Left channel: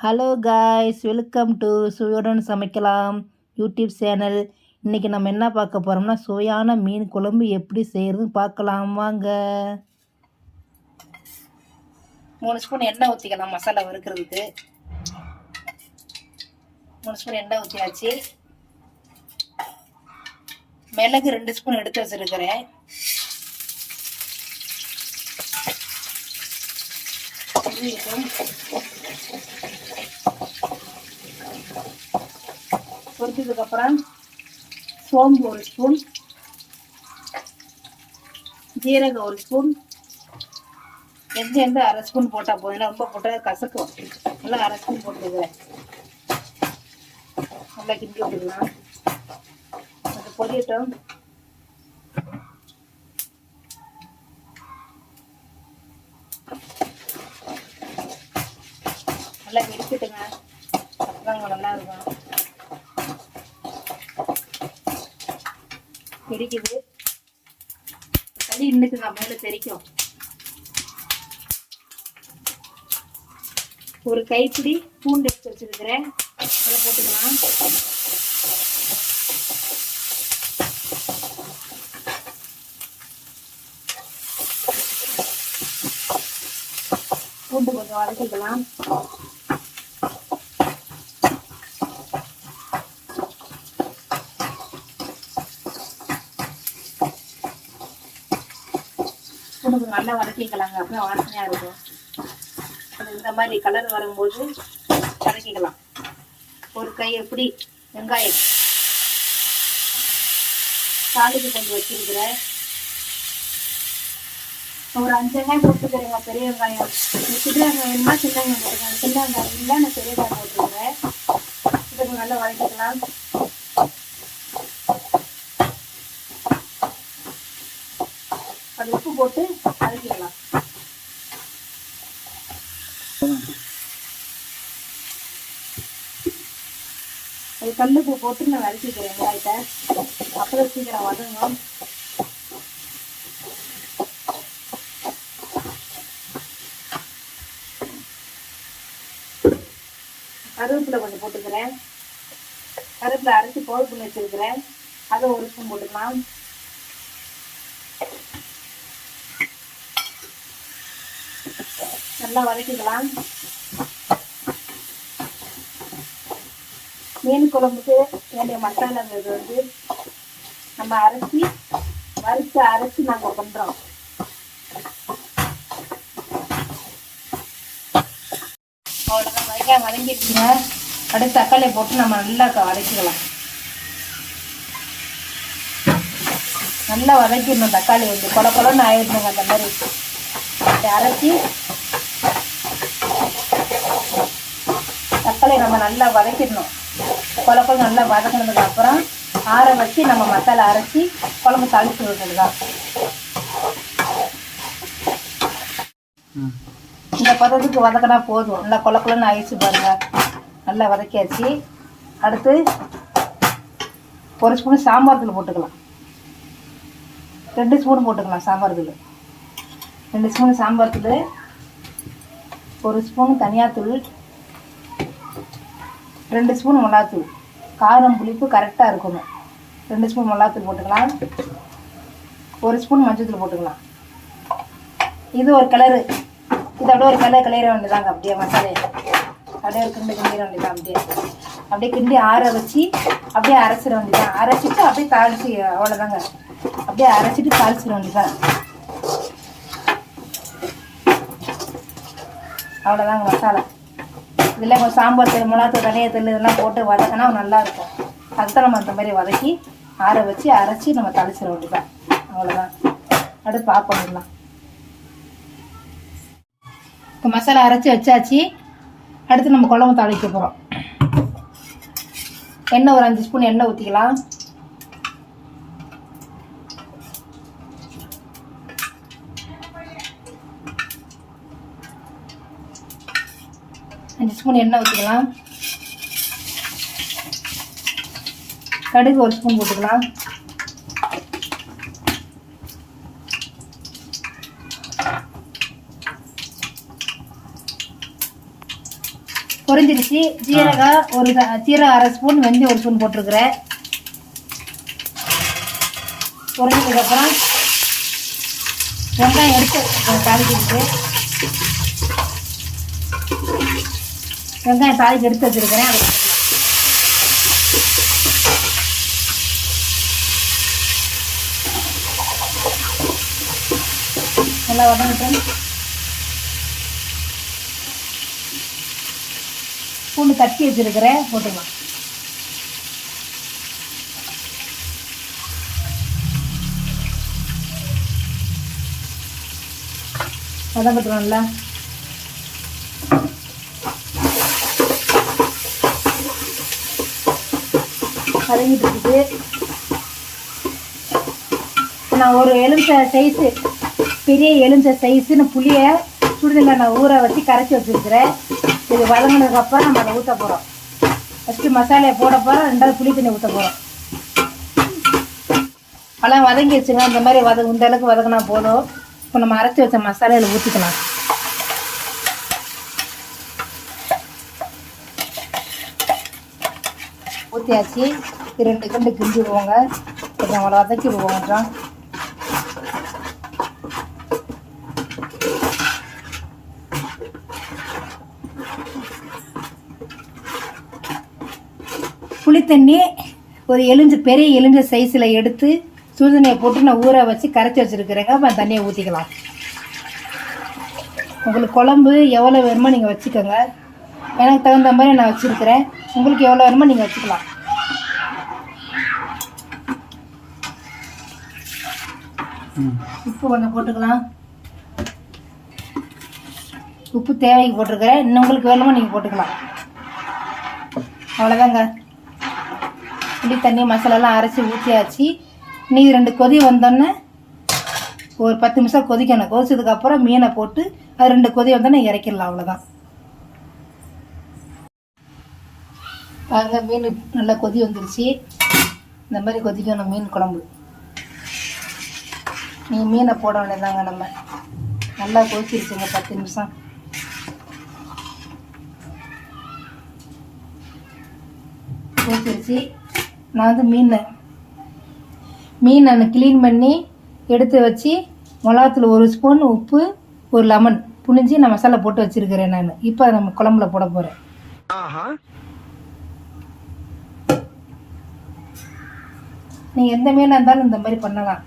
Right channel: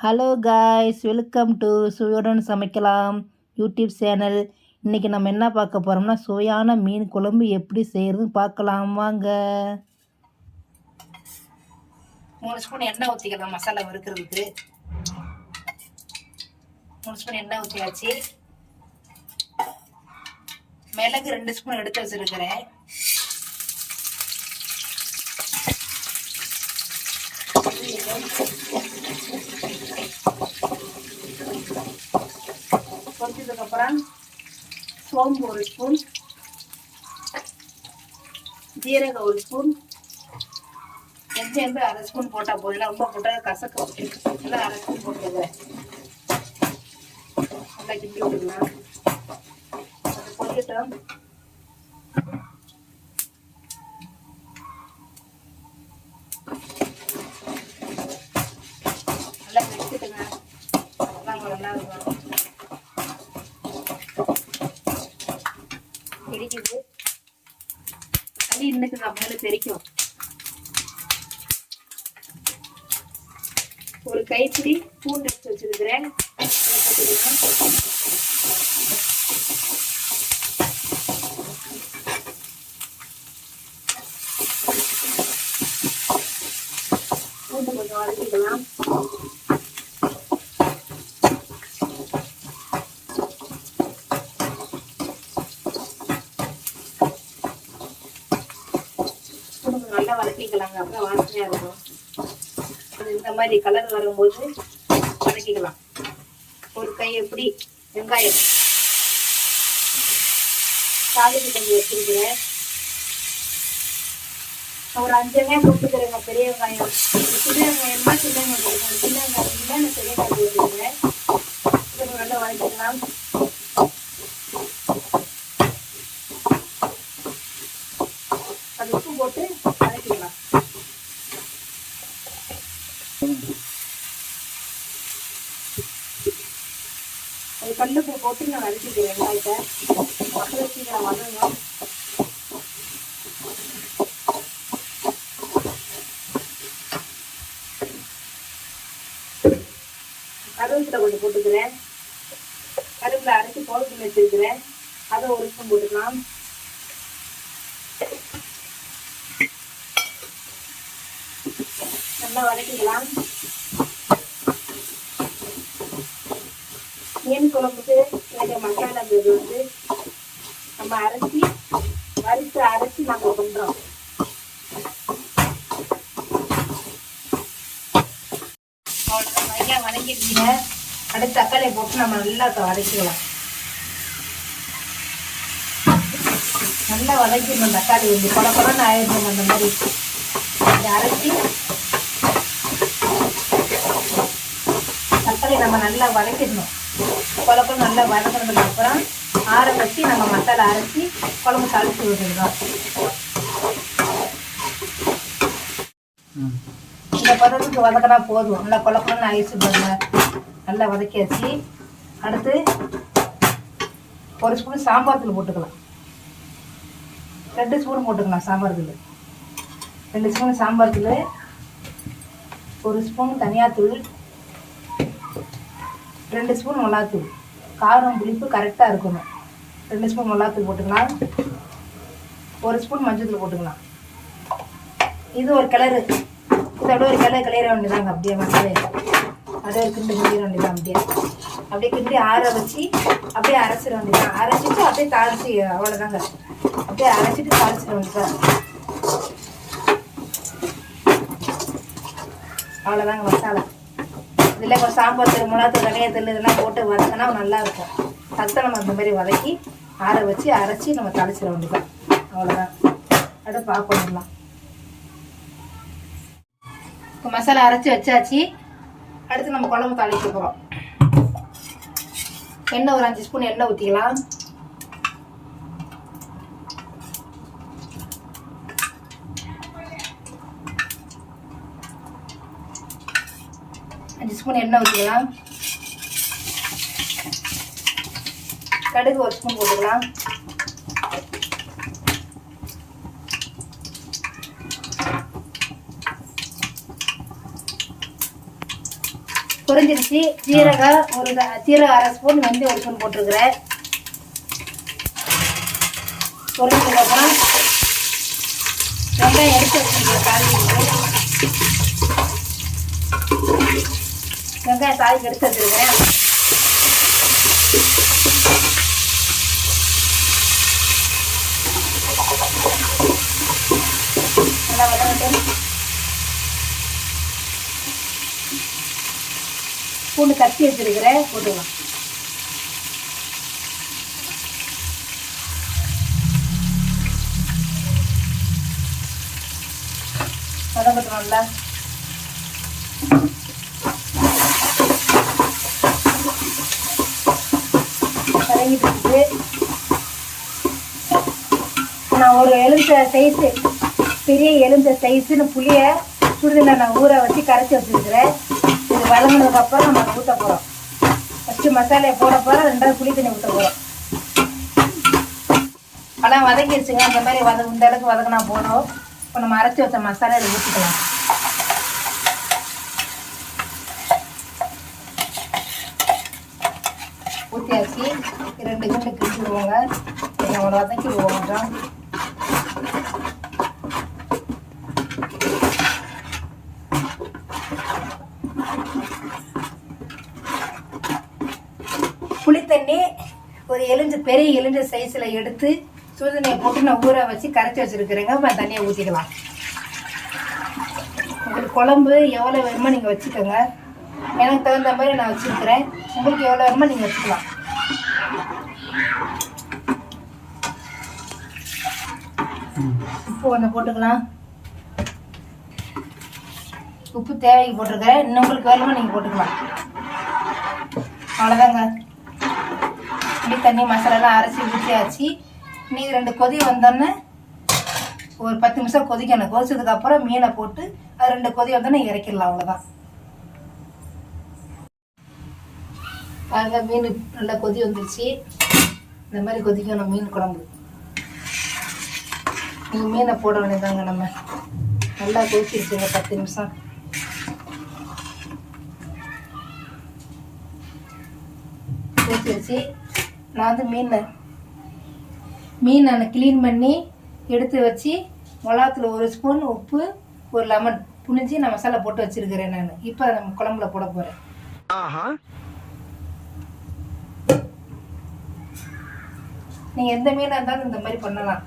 Hello guys, welcome to சுவையுடன் சமைக்கலாம் YouTube channel. இன்றைக்கி நம்ம என்ன பார்க்க போகிறோம்னா, சுவையான மீன் குழம்பு எப்படி செய்கிறதுன்னு பார்க்கலாம் வாங்க. 3 ஸ்பூன் எண்ணெய் ஊற்றிக்கலாம் மசாலா வறுக்கிறதுக்கு. 3 ஸ்பூன் எண்ணெய் ஊற்றியாச்சு. மிளகு 2 ஸ்பூன் எடுத்து வச்சுருக்கிறேன். பொரிச்சதுக்கப்புறம் சோம்பு 1 ஸ்பூன், ஜீரகம் 1 ஸ்பூன், எந்த 1/2 ஸ்பூன் போட்டால் போதும். ஏன்னா உப்பு போட்டால் கசக்கும். நல்லா 1/2 ஸ்பூன் போட்டுக்கிறேன். நல்லா கிண்டி விட்டுக்கலாம். பொரியட்டும். நல்லா கிண்டிட்டுங்க. நல்லா இருக்கும். தெரிக்குது, தண்ணி இன்னுக்கு மேலே தெரிக்கும். ஒரு கைப்பிடி பூண்டு எடுத்து வச்சிருக்கிறேன். பூண்டு கொஞ்சம் வதக்கிக்கலாம். நல்லா வதக்கிக்கலாங்க. அப்புறம் வாசனையா இருக்கும். இந்த மாதிரி கலர் வரும்போது வதக்கிக்கலாம். ஒரு கை எப்படி வெங்காயம் தாளிப்பு கொஞ்சம் வச்சிருக்கிறேன். ஒரு 5 வெங்காயம் போட்டுக்கிறேங்க. பெரிய வெங்காயம். சின்ன வெங்காயமா சின்ன வெங்காயம் போட்டுக்கிறேன். சின்ன வெங்காயம் இல்லை, நான் பெரிய வெங்காயம் போட்டுக்கிறேன். இதுக்கு நல்லா வதக்கிக்கலாம். உப்பு போட்டு வதக்கிக்கலாம். கல்லுப்பு போட்டு நான் வதக்கிக்கிறேன் வெங்காயத்தை. அப்புறம் சீக்கிரம் வதங்கும். கருவேப்பிலை கொஞ்சம் போட்டுக்கிறேன். கருவேப்பிலை அரைச்சி பவுடர் பண்ணி வச்சிருக்கிறேன். அதை 1 ஸ்பூன் போட்டுக்கலாம். நல்லா வதக்கிக்கலாம். மீன் குழம்புக்கு வேண்டிய மசாலா வந்து நம்ம வறுத்து அரைச்சி நம்ம பண்றோம். அவ்வளோதான். வெங்காயம் வதங்கிடுச்சுங்க. அடுத்து தக்காளியை போட்டு நம்ம நல்லா வதக்கிக்கலாம். நல்லா வதக்கிடணும். தக்காளி வந்து கொல கொலன்னு ஆயிடுச்சுங்க. அந்த மாதிரி அரைச்சி தக்காளி நம்ம நல்லா வதக்கிடணும். குழம்பு நல்லா வதக்கினதுக்கு அப்புறம் ஆற வச்சு நம்ம மசாலா அரைச்சி குழம்பு தாளிச்சு விட்டுடலாம். இந்த பதத்துக்கு வதக்கினா போதும். நல்லா குழம்புன்னு ஆயிடுச்சு பாருங்க. நல்லா வதக்கியாச்சு. அடுத்து 1 ஸ்பூன் சாம்பார் தூள் போட்டுக்கலாம். 2 ஸ்பூன் போட்டுக்கலாம் சாம்பார் தூள். 2 ஸ்பூன் சாம்பார் தூள், 1 ஸ்பூன் தனியாத்தூள், 2 ஸ்பூன் மிளகாத்தூள். காரம் புளிப்பு கரெக்டாக இருக்கணும். 2 ஸ்பூன் மிளகாத்தூள் போட்டுக்கலாம். 1 ஸ்பூன் மஞ்சள் போட்டுக்கலாம். இது ஒரு கிளறு. இது அப்படியே ஒரு கிளற வேண்டியதாங்க. அப்படியே மசாலே அப்படியே ஒரு கிண்டு கிண்டிட வேண்டியதான். அப்படியே கிண்டி ஆற வச்சு அப்படியே அரைச்சிட வேண்டியதான். அரைச்சிட்டு அப்படியே தாளிச்சு, அவ்வளோதாங்க. அப்படியே அரைச்சிட்டு தாளிச்சிட வேண்டியதான். அவ்வளோதாங்க மசாலா. இதில் கொஞ்சம் சாம்பார் தூள், மிளகாத்தூள், தனியாத்தூள் இதெல்லாம் போட்டு வதக்கினா நல்லாயிருக்கும். அதுதான் நம்ம அந்த மாதிரி வதக்கி ஆற வச்சு அரைச்சி நம்ம தாளிச்சிட வேண்டியதான். அவ்வளோதான். அடுத்து பார்ப்போம். மசாலா அரைச்சி வச்சாச்சு. அடுத்து நம்ம குழம்பு தாளிக்க போகிறோம். எண்ணெய் ஒரு 5 ஸ்பூன் எண்ணெய் ஊற்றிக்கலாம். ஸ்பூன் எண்ணெய் ஊற்றிக்கலாம். கடுகு 1 ஸ்பூன் போட்டுக்கலாம். பொரிஞ்சிருச்சு. ஜீரகம் ஜீரகம் 1/2 ஸ்பூன், வெந்தயம் 1 ஸ்பூன் போட்டிருக்கிறேன். பொரிஞ்சதுக்கு அப்புறம் வெங்காயம் எடுத்து தாளிச்சிருக்கிறேன். வெங்காயம் தாளிக்கு எடுத்து வச்சிருக்கிறேன். நல்லா வதங்கட்டும். பூண்டு தட்டி வச்சிருக்கிறேன், போட்டுக்கலாம். வதங்கட்டும்ல. வதங்கிட்டு இருக்குது. நான் ஒரு எலுமிச்சை சைஸு, பெரிய எலுமிச்சை சைஸுன்னு புளியை சுடுதண்ணில் நான் ஊற வச்சு கரைச்சி வச்சுருக்கிறேன். இது வதங்கினதுக்கப்புறம் நம்ம ஊற்ற போகிறோம். ஃபஸ்ட்டு மசாலையை போட போகிறோம், 2வது புளி தண்ணி ஊற்ற போகிறோம். பழம் வதங்கிடுச்சுங்க. இந்த மாதிரி இந்த அளவுக்கு வதங்கினா போதும். இப்போ நம்ம அரைச்சி வச்ச மசாலையில் ஊற்றிக்கலாம். ஊற்றியாச்சு. 2 கிண்டு கிண்டி விடுவோங்க. நம்ம வதக்கி விடுவோம். புளித்தண்ணி ஒரு பெரிய எலுமிச்சை சைஸில் எடுத்து சுடுதண்ணியை போட்டு நான் ஊற வச்சு கரைச்சி வச்சுருக்கிறேங்க. அப்போ தண்ணியை ஊற்றிக்கலாம். உங்களுக்கு குழம்பு எவ்வளோ வேணுமோ நீங்கள் வச்சுக்கோங்க. எனக்கு தகுந்த மாதிரி நான் வச்சுருக்கிறேன். உங்களுக்கு எவ்வளோ வேணுமோ நீங்கள் வச்சுக்கலாம். உப்பு கொஞ்சம் போட்டுக்கலாம். உப்பு தேவைக்கு போட்டிருக்கிறேன். இன்னும் உங்களுக்கு வேணுமோ நீங்கள் போட்டுக்கலாம். அவ்வளோதாங்க. புளி தண்ணி மசாலாலாம் அரைச்சி ஊற்றியாச்சு. நீ 2 கொதி வந்தோன்னே ஒரு 10 நிமிஷம் கொதிக்கணும். கொதிச்சதுக்கப்புறம் மீனை போட்டு அது 2 கொதி வந்தோன்னே இறக்கிடலாம். அவ்வளோதான். பாருங்க, மீன் நல்லா கொதி வந்துருச்சு. இந்த மாதிரி கொதிக்கணும் மீன் குழம்பு. நீங்கள் மீனை போட வேண்டியதாங்க. நம்ம நல்லா கொதிச்சிருச்சுங்க 10 நிமிஷம். கொதிச்சிருச்சு. நான் வந்து மீன் நான் க்ளீன் பண்ணி எடுத்து வச்சு மிளகாத்தூள் 1 ஸ்பூன், உப்பு, 1 லெமன் புழிஞ்சு நான் மசாலா போட்டு வச்சுருக்கிறேன். நான் இப்போ அதை நம்ம குழம்புல போட போகிறேன். நீங்கள் எந்த மீனாக இருந்தாலும் இந்த மாதிரி பண்ணலாம்.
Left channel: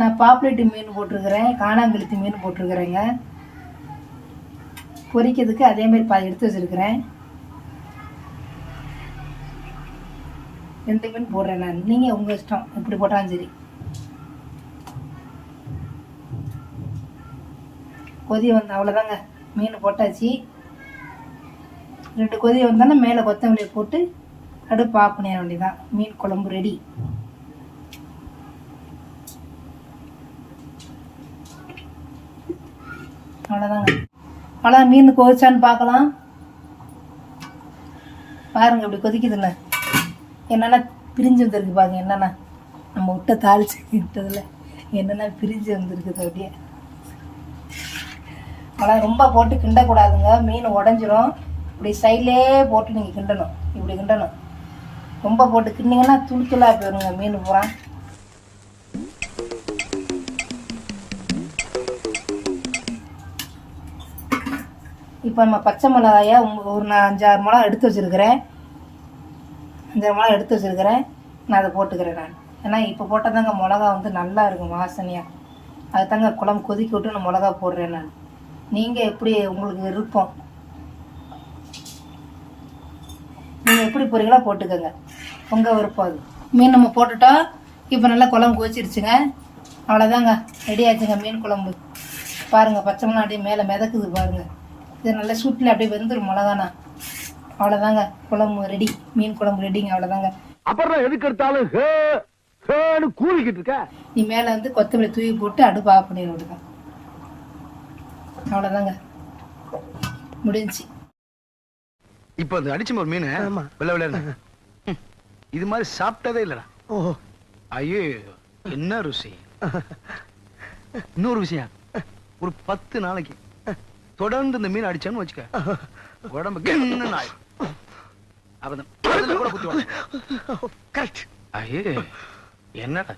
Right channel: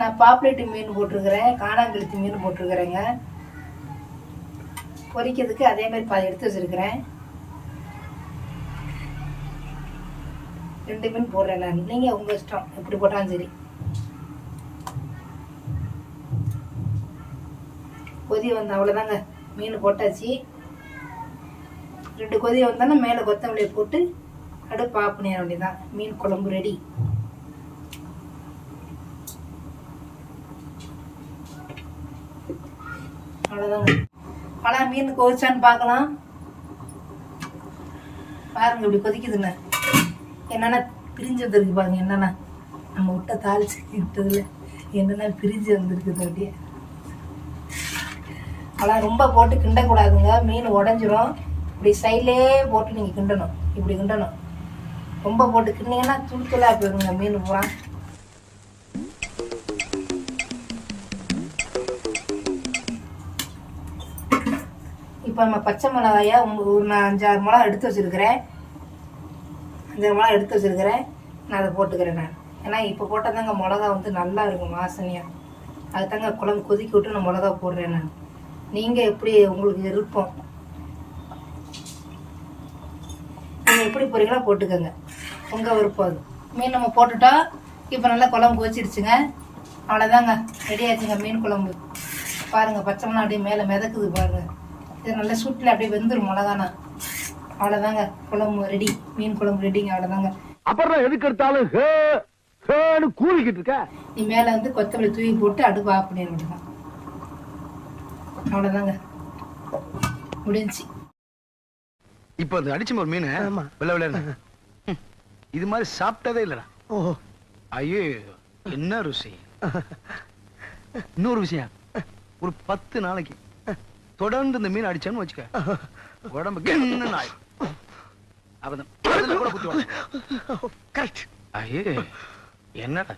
நான் பாப்லேட்டு மீன் போட்டிருக்கிறேன், காணாங்கழுத்தி மீன் போட்டிருக்கிறேங்க. பொரிக்கிறதுக்கு அதேமாதிரி பாதி எடுத்து வச்சுருக்கிறேன். 2 மீன் போடுறேன் நான். நீங்கள் உங்கள் இஷ்டம் எப்படி போட்டாலும் சரி. கொதி வந்து அவ்வளோதாங்க. மீன் போட்டாச்சு. 2 கொதி வந்தானே மேலே கொத்தமல்லியை போட்டு அடுப்பு ஆஃப் பண்ணிட வேண்டியதான். மீன் குழம்பு ரெடி. அவ்வளோதாங்க. அவ்வளோ மீன் கொதிச்சான்னு பார்க்கலாம். பாருங்க இப்படி கொதிக்குதுண்ணே. என்னென்னா பிரிஞ்சு வந்துருக்கு பாருங்க. என்னென்னா நம்ம விட்ட தாளிச்சு விட்டதில் என்னென்னா பிரிஞ்சு வந்துருக்குது. அப்படியே அவ்வளோ ரொம்ப போட்டு கிண்டக்கூடாதுங்க. மீன் உடஞ்சிரும். இப்படி சைட்லே போட்டு நீங்கள் கிண்டணும். இப்படி கிண்டணும். ரொம்ப போட்டு கிண்டிங்கன்னா துணிக்கலாக போயிருங்க மீன் பூரா. இப்போ நம்ம பச்சை மிளகாயா ஒரு 5-6 மிளகா எடுத்து வச்சுருக்கிறேன். 5 மிளகா எடுத்து வச்சுருக்கிறேன். நான் அதை போட்டுக்கிறேன். நான் ஏன்னா இப்போ போட்டால் தாங்க மிளகா வந்து நல்லா இருக்கும் வாசனையாக. அது தாங்க குழம்பு கொதிக்க விட்டு நான் மிளகா போடுறேன். நான் நீங்கள் எப்படி உங்களுக்கு விருப்பம், நீங்கள் எப்படி போறீங்களா போட்டுக்கோங்க. உங்கள் விருப்பம் அது. மீன் நம்ம போட்டுட்டோம். இப்போ நல்லா குழம்பு கொதிச்சிருச்சுங்க. அவ்வளோதாங்க, ரெடி ஆயிடுச்சுங்க மீன் குழம்பு. பாருங்கள் பச்சை மிளகா அப்படியே மேலே மிதக்குது பாருங்கள். இது நல்லா சூட்டில் அப்படியே வெந்துடும் மிளகானா. அவ்வளோதாங்க குழம்பு ரெடி. மீன் குழம்பு ரெடிங்க. அவ்வளோதாங்க. அப்புறம் எதுக்கு எடுத்தாலும் கூறிக்கிட்டு இருக்க. நீ மேலே வந்து கொத்தமல்லி தூவி போட்டு அடுப்பு ஆஃப் பண்ணி விடுங்க. அவ்வளோதாங்க, முடிஞ்சு. இப்போ அது அடிச்சு ஒரு மீன் வெள்ள வெள்ள இது மாதிரி சாப்பிட்டதே இல்லடா. ஓஹோ, ஐயோ என்ன ருசி. இன்னொரு விஷயம், ஒரு 10 நாளைக்கு தொடர்ந்து இந்த மீன் அடிச்சேன்னு வச்சுக்க உடம்புக்கு என்ன நாய் அப்பதான் கூட குத்துவாங்க. ஐயே என்னடா